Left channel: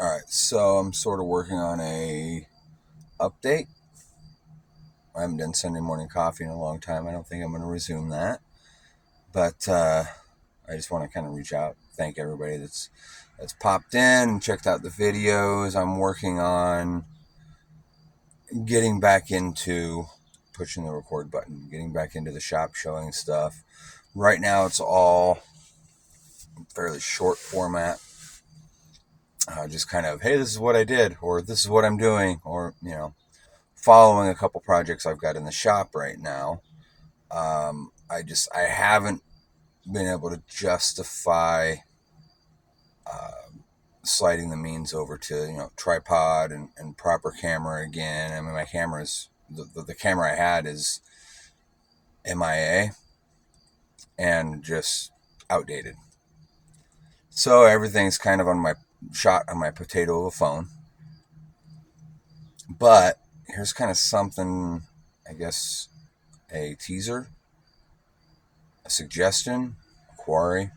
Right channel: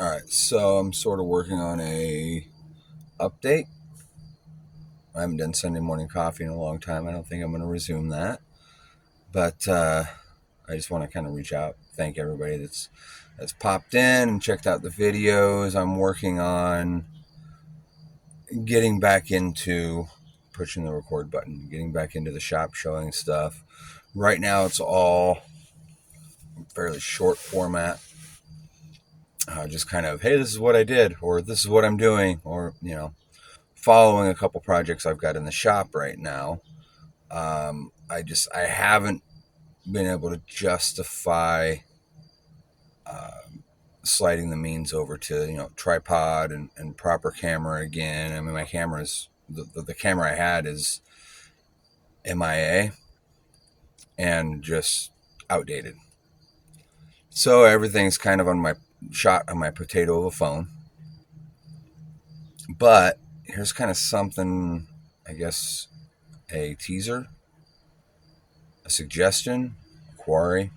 All right, so I'm sort of working on a update. I haven't done Sunday morning coffee in a long time. I don't think I'm going to resume that, but I just want to kind of reach out, thank everybody that's popped in and checked out the videos. I'm working on getting back into pushing the record button, getting back into the shop, showing stuff. Right now, it's all fairly short format. Just kind of, hey, this is what I did, or this is what I'm doing, or following a couple projects I've got in the shop right now. I haven't been able to justify sliding the means over to tripod and proper camera again. I mean, my camera's the camera I had is MIA and just outdated. So everything's kind of on my shot on my potato of a phone. But here's kind of something, I guess, a teaser, a suggestion, a query.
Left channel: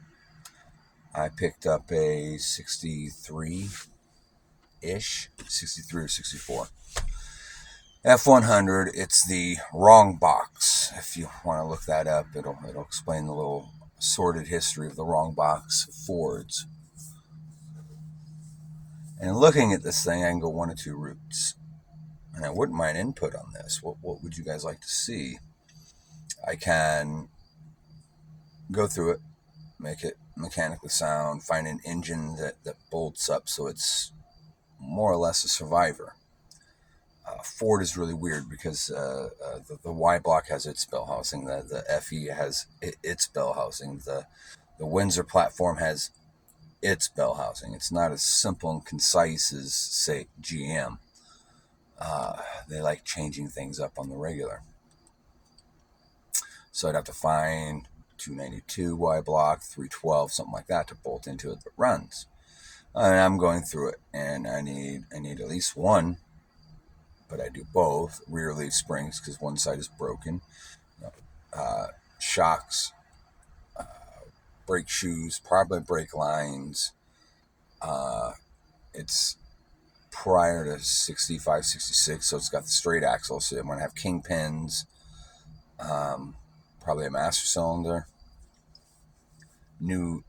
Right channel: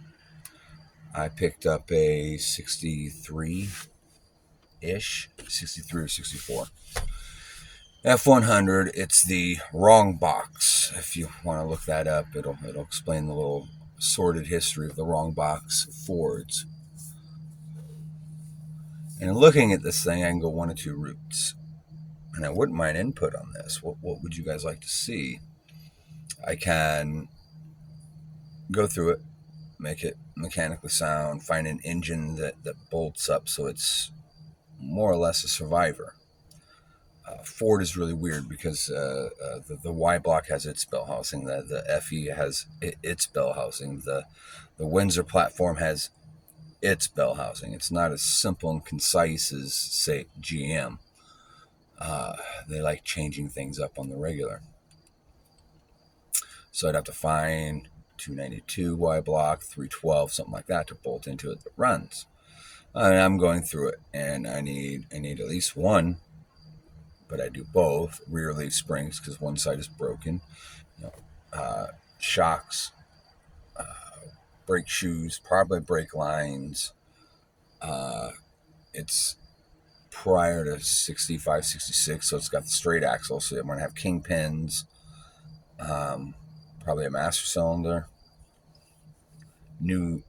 I picked up a 63-ish, 63 or 64 F100. It's the wrong box. If you want to look that up, it'll explain the little sordid history of the wrong box Fords. And looking at this thing, I can go one of two routes. And I wouldn't mind input on this. What would you guys like to see? I can go through it, make it mechanically sound, find an engine that bolts up so it's more or less a survivor. Ford is really weird because the Y block has its bell housing, the FE has its bell housing, the Windsor platform has its bell housing. It's not as simple and concise as, say, GM. They like changing things up on the regular. So I'd have to find 292 Y block, 312, something like that to bolt into it that runs. And I'm going through it, and I need at least one, but I do both rear leaf springs because one side is broken. Shocks, brake shoes, probably brake lines. It's prior to 65, 66, so it's got the straight axle, so I'm going to have kingpins, probably a master cylinder, new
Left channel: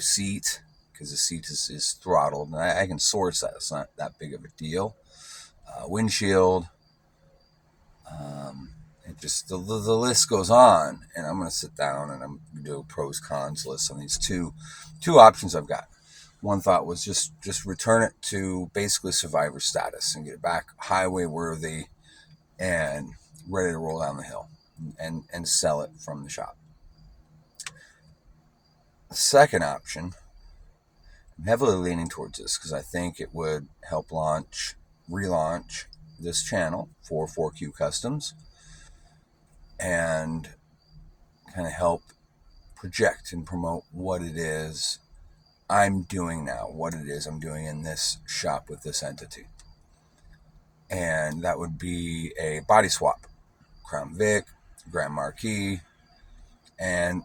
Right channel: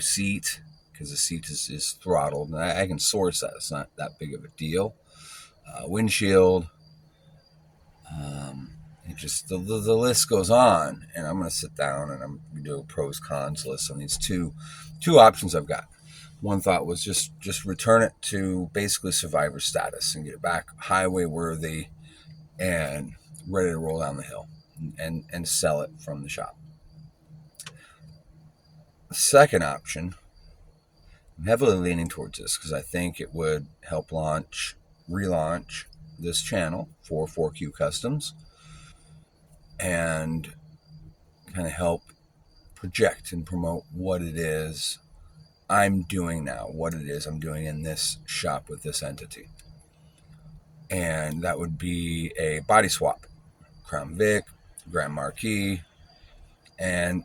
seat, because the seat is throttled, and I can source that. It's not that big of a deal. Windshield, it just the list goes on, and I'm going to sit down and I'm going to do a pros cons list on these two options I've got. One thought was just return it to basically survivor status and get it back highway worthy and ready to roll down the hill and sell it from the shop. The second option, I'm heavily leaning towards this because I think it would help relaunch this channel for 4Q Customs and kind of help project and promote what it is I'm doing now, what it is I'm doing in this shop with this entity. And that would be a body swap, Crown Vic, Grand Marquis, and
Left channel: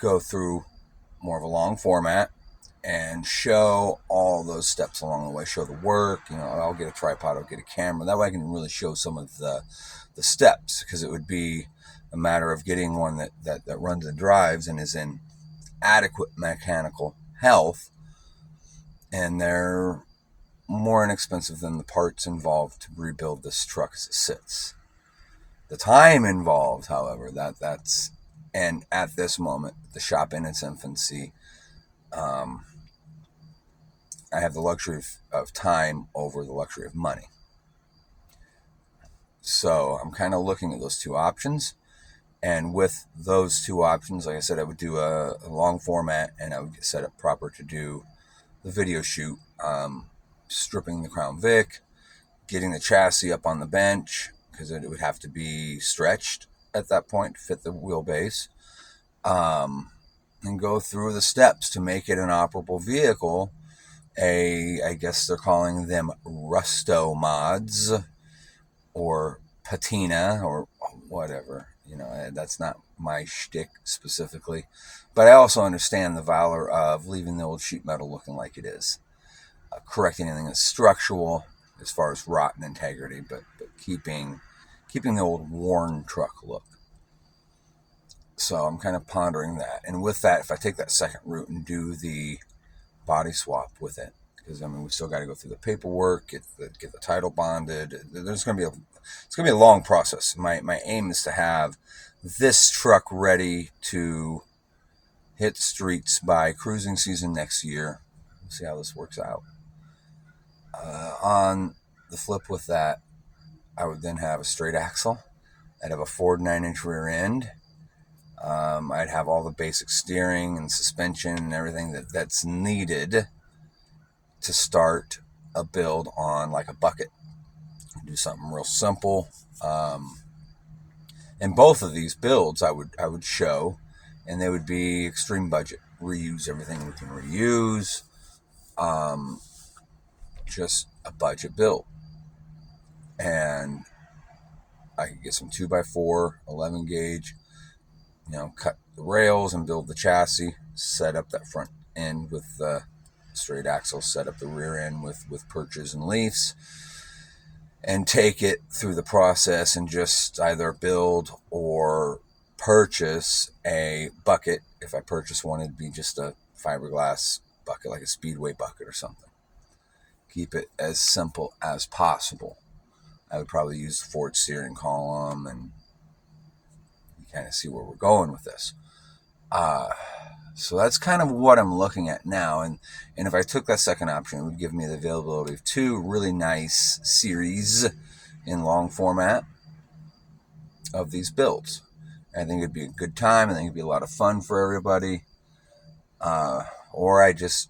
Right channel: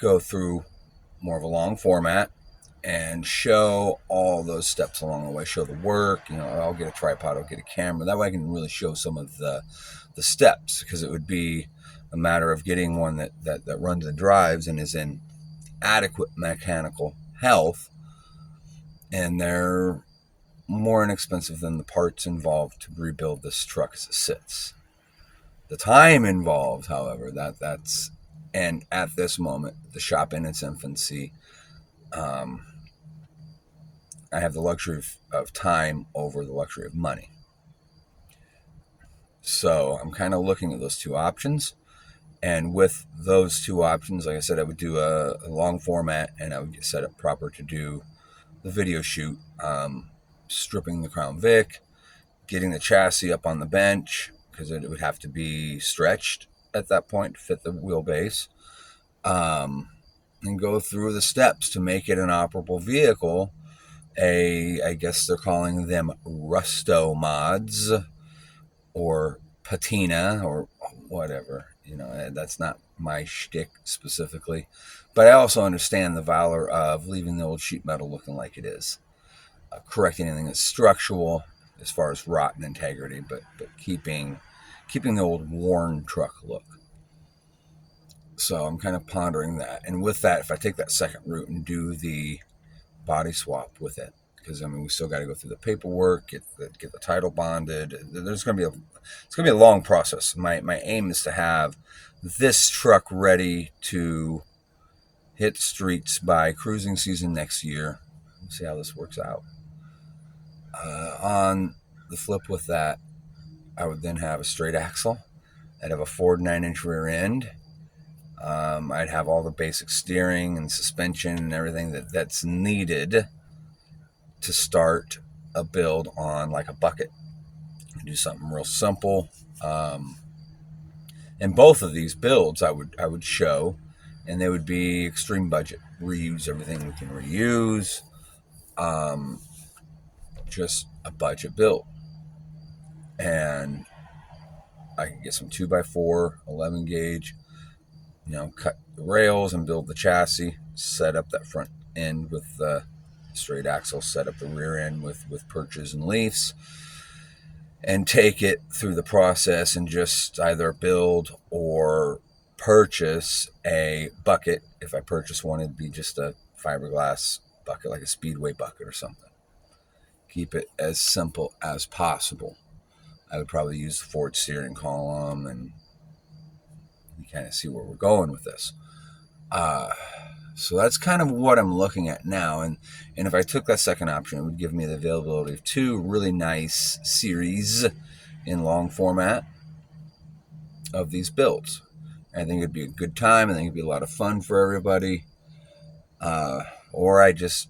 go through more of a long format and show all those steps along the way, show the work. I'll get a tripod, I'll get a camera. That way I can really show some of the steps, because it would be a matter of getting one that runs and drives and is in adequate mechanical health, and they're more inexpensive than the parts involved to rebuild this truck as it sits. The time involved, however, that's and at this moment, the shop in its infancy, I have the luxury of time over the luxury of money. So I'm kind of looking at those two options. And with those two options, like I said, I would do a long format, and I would get set up proper to do the video shoot, stripping the Crown Vic, getting the chassis up on the bench, because it would have to be stretched at that point to fit the wheelbase, and go through the steps to make it an operable vehicle. I guess they're calling them Rusto mods or patina or whatever. That's not my shtick specifically, but I also understand the valor of leaving the old sheet metal looking like it is. correcting anything that's structural as far as rot and integrity, but keeping the old worn truck look. So I'm kind of pondering that. And with that, if I take that second route and do the body swap with it, because I mean we still got to go through the paperwork, get the title bonded. It's going to be a long process. My aim is to have this truck ready to hit the streets by cruising season next year. We'll see how this works out. On the flip with that, I would then have a straight axle. I'd have a Ford 9-inch rear end. I'd have all the basic steering and suspension and everything that's needed to start a build on like a bucket. I'd do something real simple. In both of these builds, I would show, and they would be extreme budget. Reuse everything we can reuse. Just a budget build. And I could get some 2x4, 11 gauge, cut the rails and build the chassis, set up that front end with the straight axle, set up the rear end with perches and leaves, and take it through the process and just either build or purchase a bucket. If I purchase one, it'd be just a fiberglass bucket, like a Speedway bucket or something. Keep it as simple as possible. I would probably use the Ford steering column, and you kind of see where we're going with this. So that's kind of what I'm looking at now. And if I took that second option, it would give me the availability of 2 really nice series in long format of these builds. I think it'd be a good time. I think it'd be a lot of fun for everybody. Or I just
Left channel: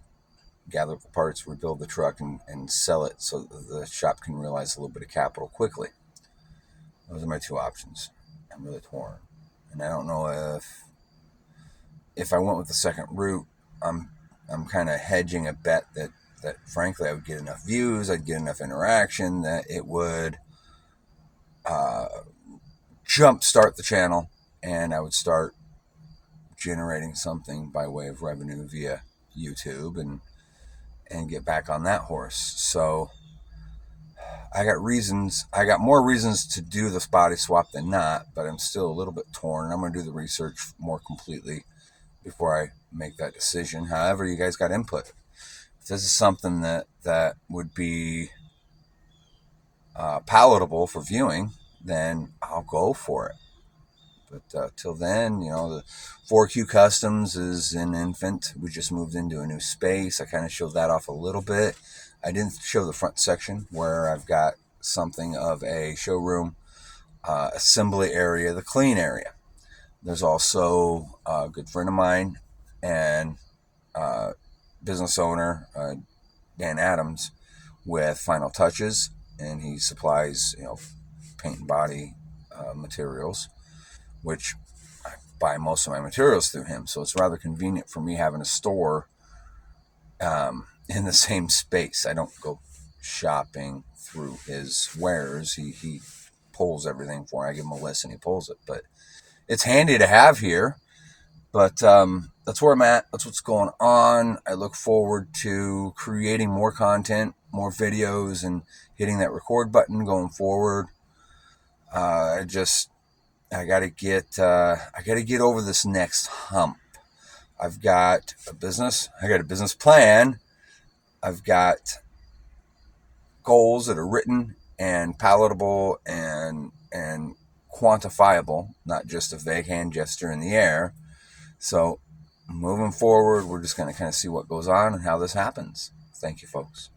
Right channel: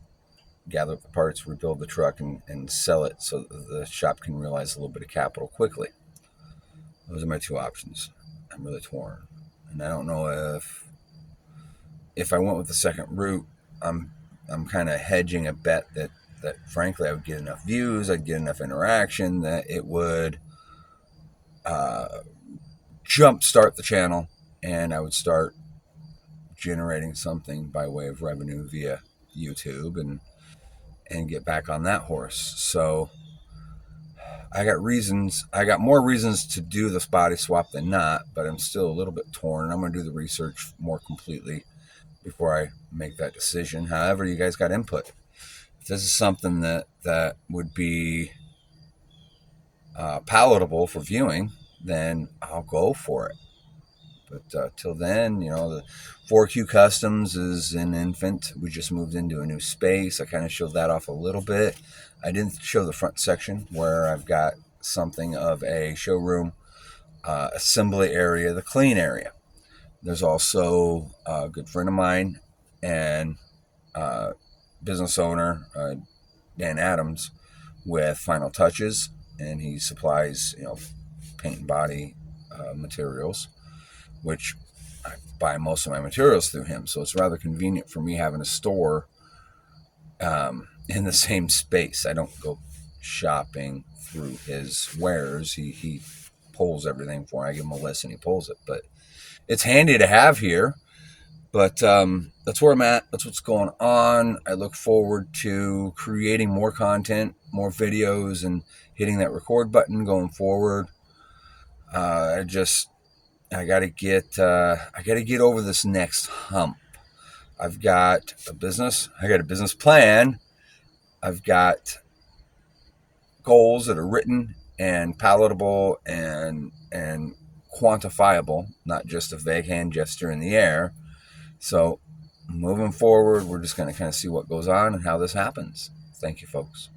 gather up the parts, rebuild the truck, and sell it so the shop can realize a little bit of capital quickly. Those are my 2 options. I'm really torn. And I don't know if I went with the second route, I'm kind of hedging a bet that frankly I would get enough views, I'd get enough interaction that it would jumpstart the channel, and I would start generating something by way of revenue via YouTube and get back on that horse. So I got more reasons to do this body swap than not, but I'm still a little bit torn. I'm going to do the research more completely before I make that decision. However, you guys got input. If this is something that would be palatable for viewing, then I'll go for it. But till then, the 4Q Customs is an infant. We just moved into a new space. I kind of showed that off a little bit. I didn't show the front section where I've got something of a showroom, assembly area, the clean area. There's also a good friend of mine and business owner, Dan Adams, with Final Touches, and he supplies, paint and body materials, which I buy most of my materials through him. So it's rather convenient for me having a store in the same space. I don't go shopping through his wares. He pulls everything for me. I give him a list and he pulls it. But it's handy to have here. But that's where I'm at. That's what's going on. I look forward to creating more content, more videos, and hitting that record button going forward. I gotta get over this next hump. I've got a business. I got a business plan. I've got goals that are written and palatable and quantifiable, not just a vague hand gesture in the air. So moving forward, we're just going to kind of see what goes on and how this happens. Thank you, folks.